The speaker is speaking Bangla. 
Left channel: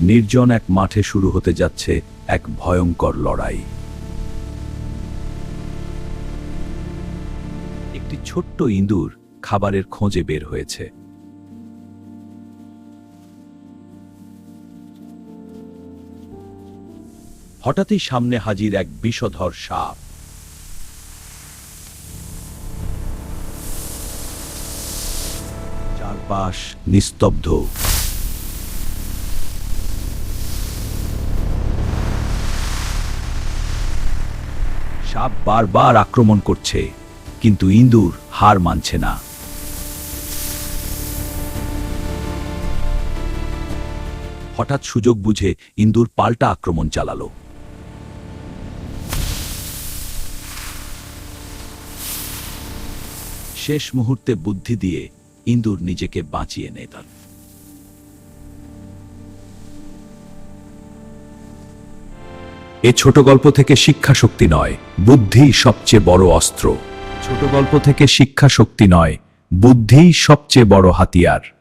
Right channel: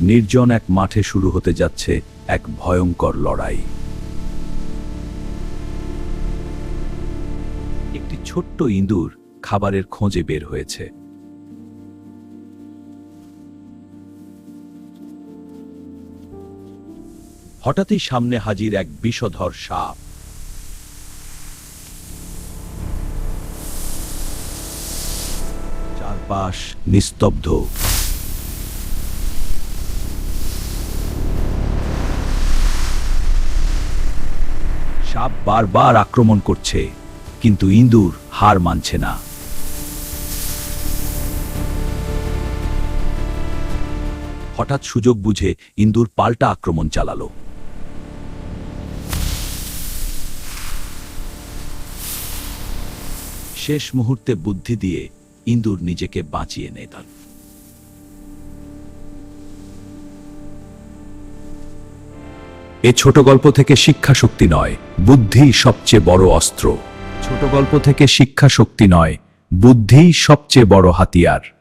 নির্জন এক মাঠে শুরু হতে যাচ্ছে এক ভয়ঙ্কর লড়াই। একটি ছোট্ট ইঁদুর খাবারের খোঁজে বের হয়েছে। হঠাৎই সামনে হাজির এক বিষধর সাপ। চারপাশ নিস্তব্ধ। সাপ বারবার আক্রমণ করছে, কিন্তু ইঁদুর হার মানছে না। হঠাৎ সুযোগ বুঝে ইঁদুর পাল্টা আক্রমণ চালালো। শেষ মুহূর্তে বুদ্ধি দিয়ে ইঁদুর নিজেকে বাঁচিয়ে নেয়। এ ছোট গল্প থেকে শিক্ষা শক্তি নয়, বুদ্ধি সবচেয়ে বড় অস্ত্র। ছোট গল্প থেকে শিক্ষা শক্তি নয়, বুদ্ধিই সবচেয়ে বড় হাতিয়ার।